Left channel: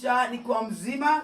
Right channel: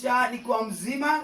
kuniamsha nikiwa mzima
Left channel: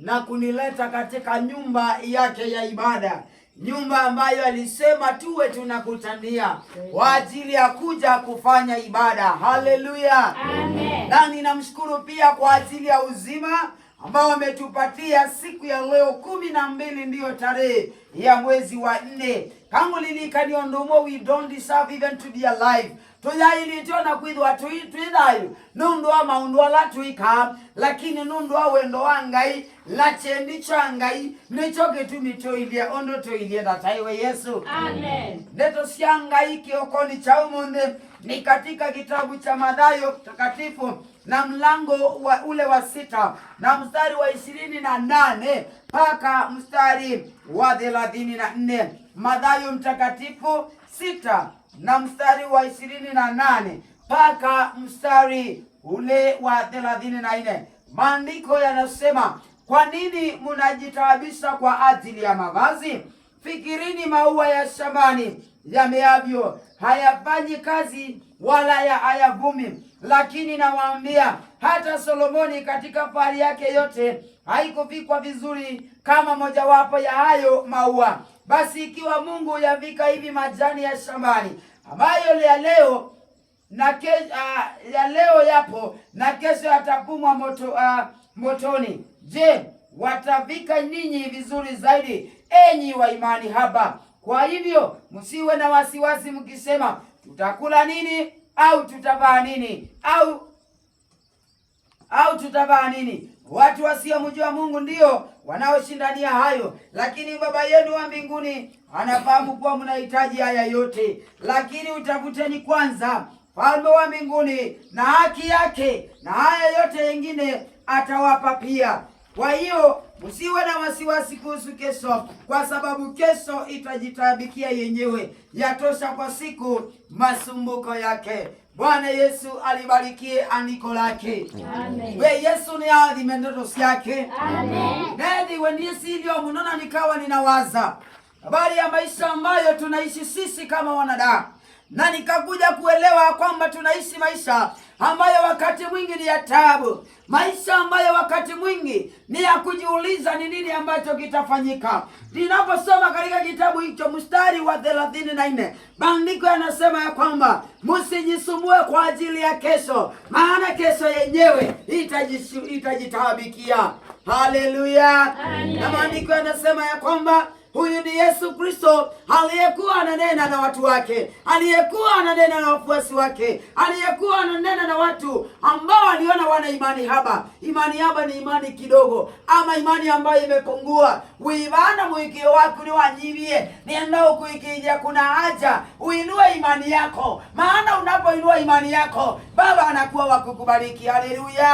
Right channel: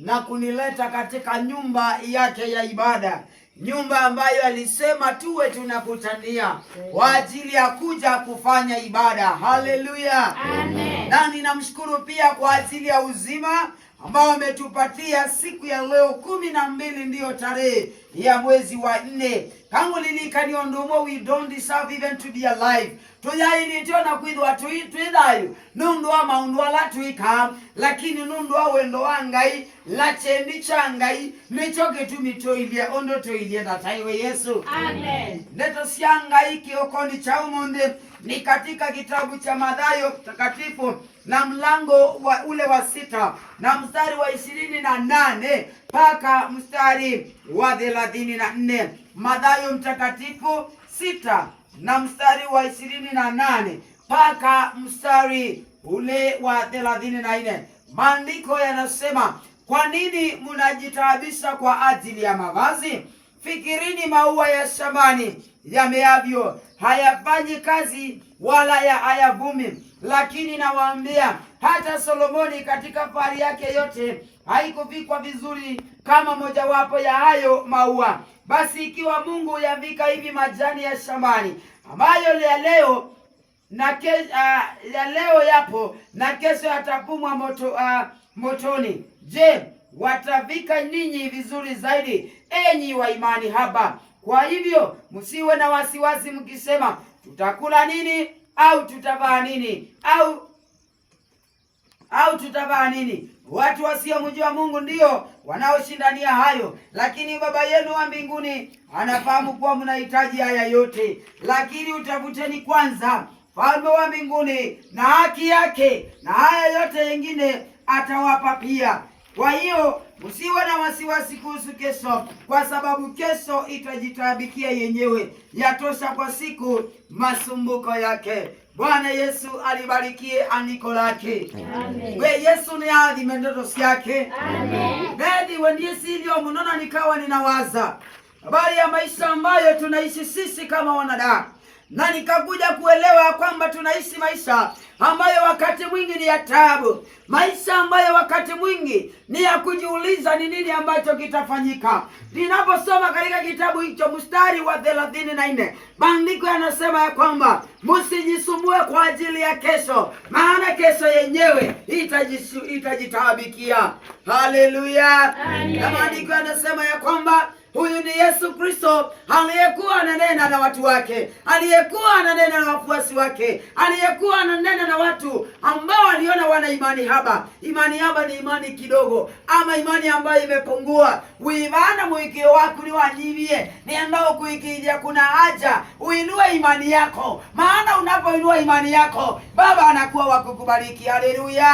na kunileta katika nyumba yake ya ibada, nyumba ambayo alisema tuwe tunakutania kwa ajili ya kuja kufanya ibada. Haleluya, amen. Na ninamshukuru pia kwa ajili ya uzima ambao ametupatia siku ya leo 12 ndiyo tarehe ya mwezi wa 4. Kangu lilikaniondomo, we don't deserve even to be alive. Tuyailitiona kwithwa tuithayo nundu ama undu ala tuika, lakini nundu wa wendo wa Ngai la chendi cha Ngai nicho gitumi toilia ondo toilia dataiwe Yesu, amen. Ndeto cia Ngai kiokoni cha umunde ni katika kitabu cha Mathayo takatifu na mlango wa ule wa 6 na mstari wa 28 mpaka mstari wa 34. Mathayo mtakatifu 6 na mstari wa 28 mpaka mstari ule wa 34. Maandiko yanasema, kwa nini mnajitaabisha kwa ajili ya mavazi? Fikirini maua ya shambani yameavyo, hayafanyi kazi wala hayavumi. Lakini nawaambia, hata Solomoni katika fahari yake yote haikuvikwa vizuri kama mojawapo ya hayo maua. Basi ikiwa Mungu yavika hivi majani ya shambani ambayo ya leo yapo na kesho yatapumwa motoni, je, watavika ninyi vizuri zaidi, enyi wa imani haba? Kwa hivyo msiwe na wasiwasi mkisema, tutakula nini au tutavaa nini au tutavaa nini? Watu wasiomjua Mungu ndio wanaoshindania hayo, lakini Baba yenu wa mbinguni anafahamu kuwa mnahitaji haya yote. Lakini utafuteni kwanza falme wa mbinguni na haki yake, na haya yote mengine atawapa pia. Kwa hiyo msiwe na wasiwasi kuhusu kesho, kwa sababu kesho itajitabikia yenyewe. Yatosha kwa siku masumbuko yake. Bwana Yesu alibarikie andiko lake. Amen. We Yesu ni adhime ndoto yake. Amen. Nedi wendie silio mnona nikawa ninawaza habari ya maisha ambayo tunaishi sisi kama wanadamu. Na nikakuja kuelewa kwamba tunaishi maisha ambayo wakati mwingi ni ya taabu, maisha ambayo wakati mwingi ni ya kujiuliza ni nini ambacho kitafanyika. Ninaposoma katika kitabu hicho mstari wa 34, maandiko yanasema ya kwamba msijisumbue kwa ajili ya kesho, maana kesho yenyewe itajitaabikia. Haleluya. Na maandiko yanasema ya kwamba huyu ni Yesu Kristo aliyekuwa ananena na watu wake, aliyekuwa ananena na wafuasi wake, aliyekuwa ananena na watu ambao waliona wana imani haba. Imani haba ni imani kidogo, ama imani ambayo imepungua. Uivana mwikio wako ni wajibie ni ambao kuikidia. Kuna haja uinue imani yako, maana unapoinua imani yako Baba anakuwa wakukubariki. Haleluya,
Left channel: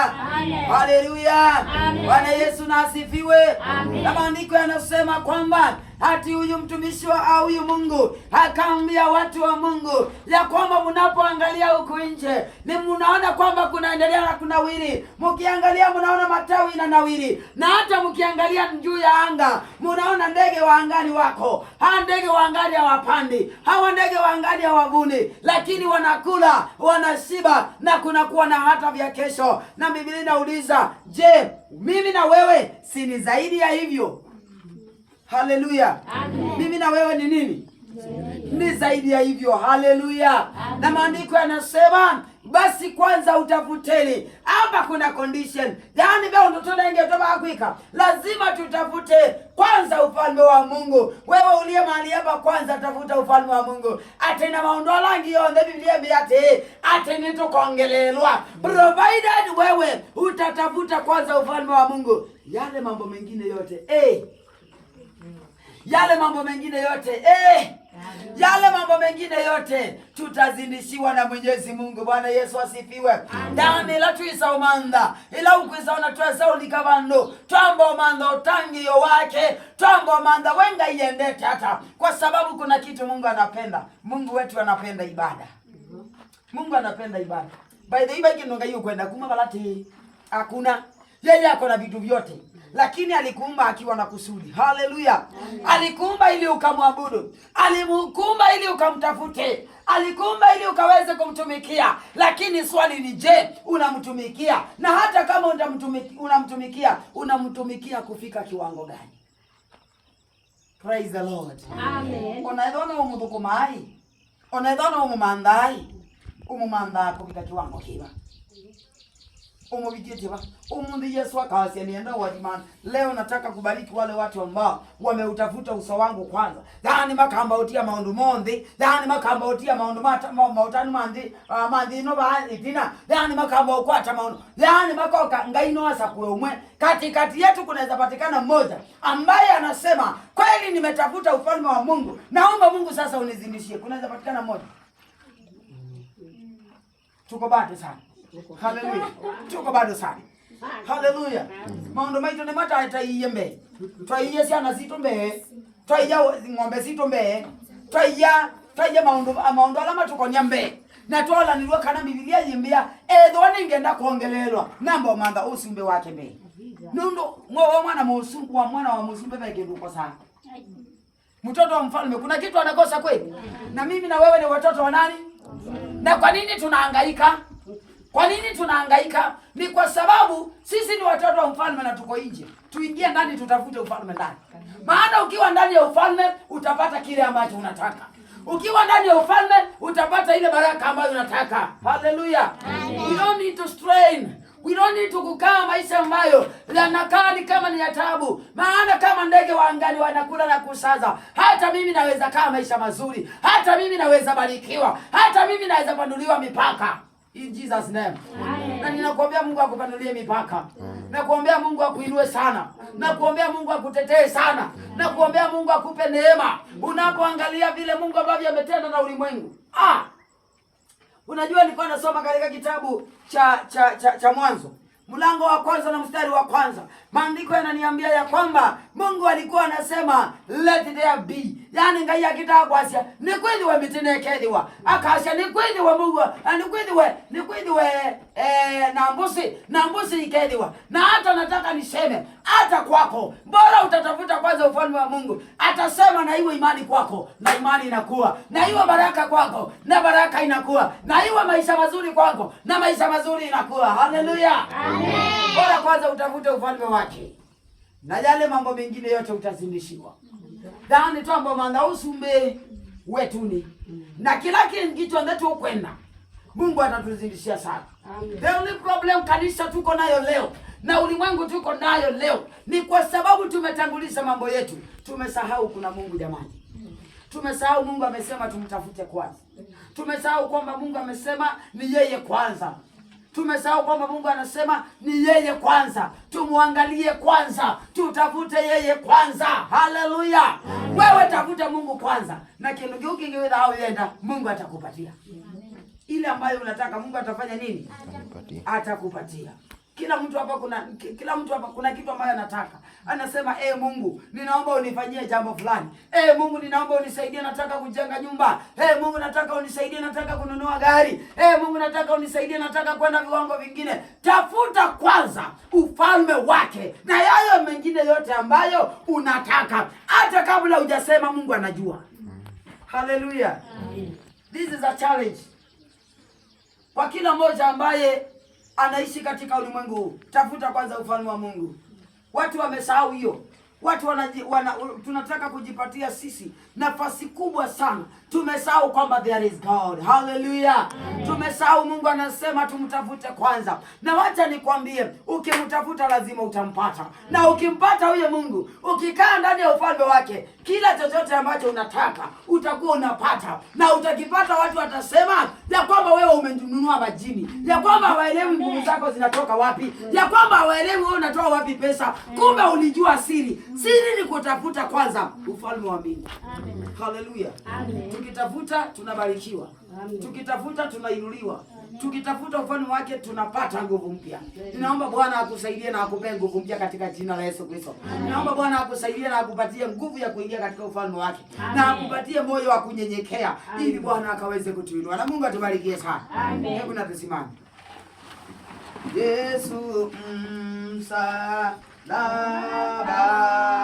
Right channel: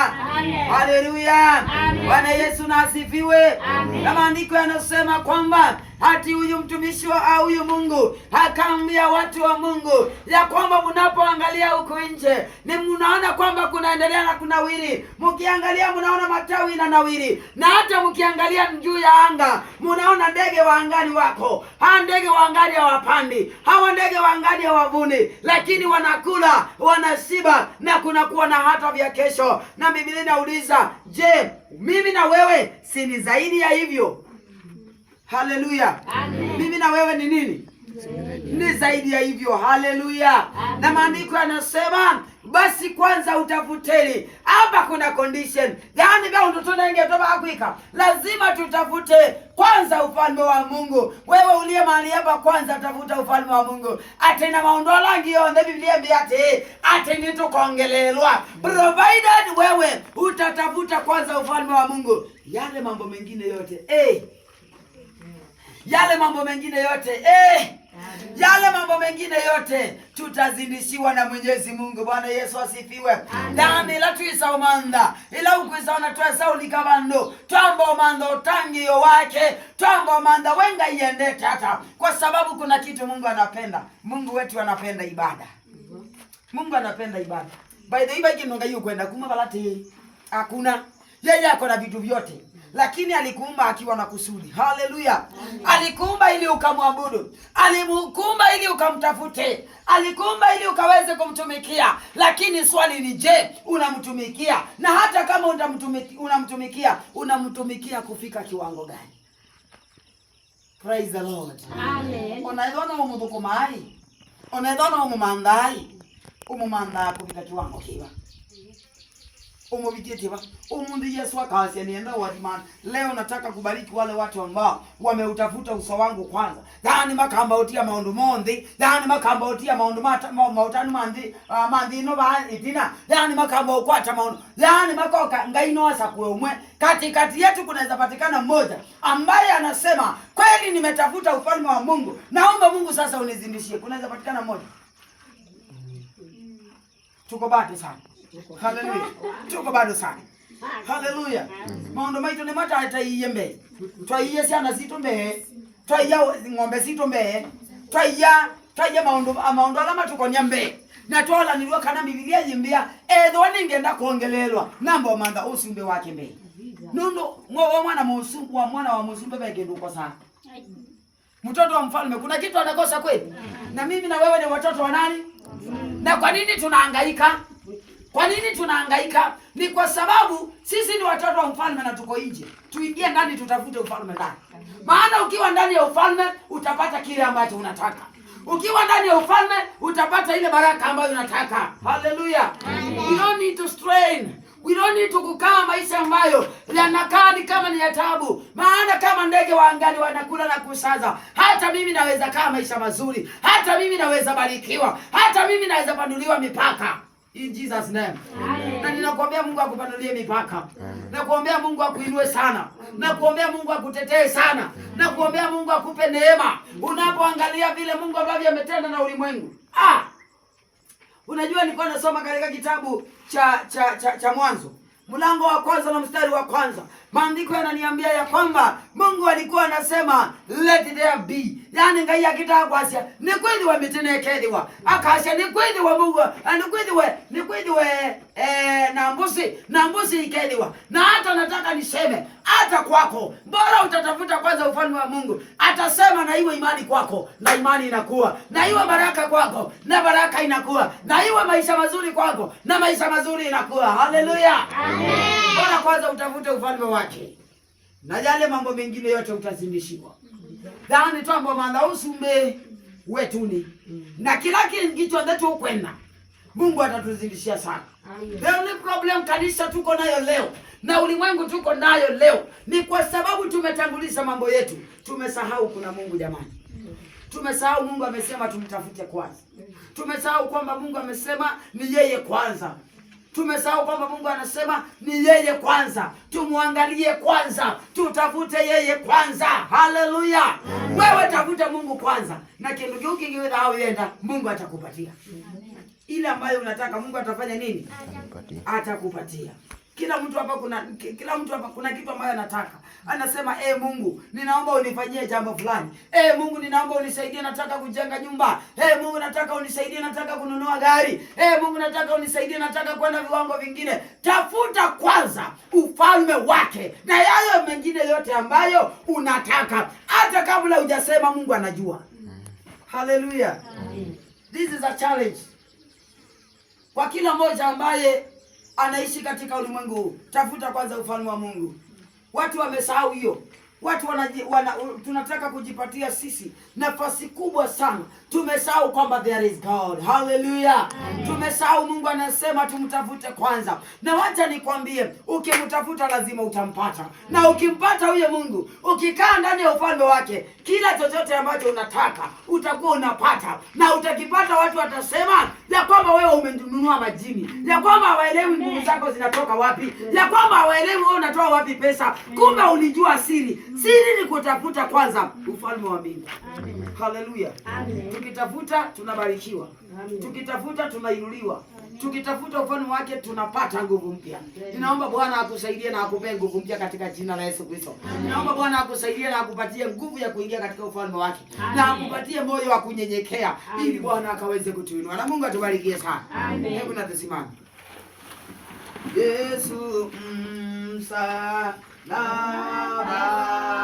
haleluya. Bwana Yesu na asifiwe. Na maandiko yanasema kwamba hati huyu mtumishi wa huyu Mungu akaambia watu wa Mungu ya kwamba mnapoangalia huku nje ni mnaona kwamba kunaendelea na kunawiri. Mkiangalia mnaona matawi na nawiri, na hata mkiangalia juu ya anga mnaona ndege wa angani wako. Hawa ndege wa angani hawapandi, hawa ndege wa angani hawavuni, lakini wanakula, wanashiba, na kunakuwa na hata vya kesho. Na Biblia inauliza, je, mimi na wewe si ni zaidi ya hivyo? Haleluya. Mimi na wewe ni nini? Ni zaidi ya hivyo. Haleluya. Na maandiko yanasema, basi kwanza utafuteni. Hapa kuna condition. Yaani kama mtoto ingetoka hakuika, lazima tutafute kwanza ufalme wa Mungu. Wewe uliye mahali hapa, kwanza tafuta ufalme wa Mungu. Atena maondola ngio na Biblia biate ateni tukongelelwa. Provided wewe utatafuta kwanza ufalme wa Mungu, yale mambo mengine yote yale mambo mengine yote tutazindishiwa na Mwenyezi Mungu. Bwana Yesu asifiwe. Ndani la tuisa umanda ila ukwisa unatuesa ulikabando twamba umanda utangio wake twamba umanda wenga iende tata, kwa sababu kuna kitu Mungu anapenda. Mungu wetu anapenda ibada. Mungu anapenda ibada. By the way kinonga hiyo kwenda kuma balati hakuna. Yeye ako na vitu vyote. lakini alikuumba akiwa na kusudi. Haleluya! Alikuumba ili ukamwabudu, alikuumba ili ukamtafute, alikuumba ili ukaweze kumtumikia. Lakini swali ni je, unamtumikia? Na hata kama unamtumikia kufika kiwango gani? Praise the Lord. Amen. Unaidhona umudukumai, unaidhona umumandai, umumanda kufika kiwango kiba umubikitiba umundu Yesu akawasi nienda wadimana. Leo nataka kubariki wale watu ambao wameutafuta uso wangu kwanza. Dhani makamba utia maundu mondi, dhani makamba utia maundu mautanu mandi no ba itina, dhani makamba ukwata maundu, dhani makoka ngaino asa kuwe umwe. Katikati yetu kunaweza patikana mmoja ambaye anasema kweli nimetafuta ufalme wa Mungu, naomba Mungu sasa unizindishie. Kunaweza patikana mmoja. Tuko bado sana. Haleluya. Tuko bado sana. Haleluya. Maondo maito ni mata ataiyembe. Twaiye sana zitombe. Twaiya ng'ombe zitombe. Twaiya maondo alama tuko nyambe. Na tola nilwa kana Biblia yimbia edhoni ngenda kuongelelwa. Namba manda usimbe wake mbe. Nundo mwa mwana wa musumbe bagendo kwa sana. Mtoto wa mfalme kuna kitu anakosa kweli? Na mimi na wewe ni watoto wa nani? Na kwa nini tunahangaika? Kwa nini tunahangaika? Ni kwa sababu sisi ni watoto wa mfalme na tuko nje. Tuingie ndani tutafute ufalme ndani. Maana ukiwa ndani ya ufalme utapata kile ambacho unataka. Ukiwa ndani ya ufalme utapata ile baraka ambayo unataka. Hallelujah. We don't need to strain. We don't need to kukaa maisha ambayo yanakaa ni kama ni ya taabu. Maana kama ndege wa angani wanakula na kusaza, hata mimi naweza kaa maisha mazuri. Hata mimi naweza barikiwa. Hata mimi naweza panuliwa mipaka. In Jesus name. Amen. Na ninakuombea Mungu akupanulie mipaka. Nakuombea Mungu akuinue sana. Nakuombea Mungu akutetee sana. Nakuombea Mungu akupe neema. Unapoangalia vile Mungu ambavyo ametenda na ulimwengu. Unajua nilikuwa nasoma katika kitabu cha Mwanzo, mlango wa kwanza na mstari wa kwanza. Maandiko yananiambia ya kwamba Mungu alikuwa anasema let there be. Yani ngai akitaka kwasia ni kweli wa mitenekediwa. Akasha ni kweli wa Mungu, ni kweli we na mbusi ikediwa. Na hata nataka niseme hata kwako bora utatafuta kwanza ufalme wa Mungu. Atasema na iwe imani kwako na imani inakuwa. Na iwe baraka kwako na baraka inakuwa. Na iwe maisha mazuri kwako na maisha mazuri inakuwa. Haleluya. Amen. Bora kwanza utafute ufalme wake. Na yale mambo mengine yote utazindishiwa. Dhani twamba mwana usumbe wetuni. Na kila kitu ndeto ukwenda Mungu atatuzindishia sana. The only problem kanisa tuko nayo leo na ulimwengu tuko nayo leo ni kwa sababu tumetangulisha mambo yetu. Tumesahau kuna Mungu jamani. Tumesahau Mungu amesema tumtafute kwanza. Tumesahau kwamba Mungu amesema ni yeye kwanza. Tumesahau kwamba Mungu anasema ni yeye kwanza. Tumuangalie kwanza. Tutafute yeye kwanza. Haleluya. Wewe tafuta Mungu kwanza. Na kitu kingine yenda Mungu atakupatia. Ile ambayo unataka Mungu atafanya nini? Atakupatia. Kila mtu hapa kuna kitu ambayo anataka. Anasema Mungu, ninaomba unifanyie jambo fulani. Mungu, ninaomba unisaidie, nataka kujenga nyumba. Mungu, nataka unisaidie, nataka kununua gari. Mungu, nataka unisaidie, nataka kwenda viwango vingine. Tafuta kwanza ufalme wake na yayo mengine yote ambayo unataka. Hata kabla hujasema Mungu anajua. Hallelujah. This is a challenge kwa kila mmoja ambaye anaishi katika ulimwengu. Tafuta kwanza ufalme wa Mungu. Watu wamesahau hiyo. Watu tunataka kujipatia sisi nafasi kubwa sana. Tumesahau kwamba there is God. Hallelujah. Tumesahau Mungu anasema tumtafute kwanza. Na wacha nikwambie, ukimtafuta lazima utampata. Na ukimpata huyo Mungu, ukikaa ndani ya ufalme wake, kila chochote ambacho unataka utakuwa unapata. Na utakipata watu watasema ya kwamba wewe umenunua majini. Ya kwamba hawaelewi nguvu zako zinatoka wapi. Ya kwamba hawaelewi wewe unatoa wapi pesa. Kumbe ulijua siri. Siri ni kutafuta kwanza ufalme wa mbingu. Haleluya. Tukitafuta tunabarikiwa. Tukitafuta tunainuliwa. Tukitafuta ufalme wake tunapata nguvu mpya. Ninaomba Bwana akusaidie na akupe nguvu mpya katika jina la Yesu Kristo. Ninaomba Bwana akusaidie na akupatie nguvu ya kuingia katika ufalme wake. Na akupatie moyo wa kunyenyekea ili Bwana akaweze kutuinua. Na Mungu atubarikie sana. Hebu na tusimame. Yesu na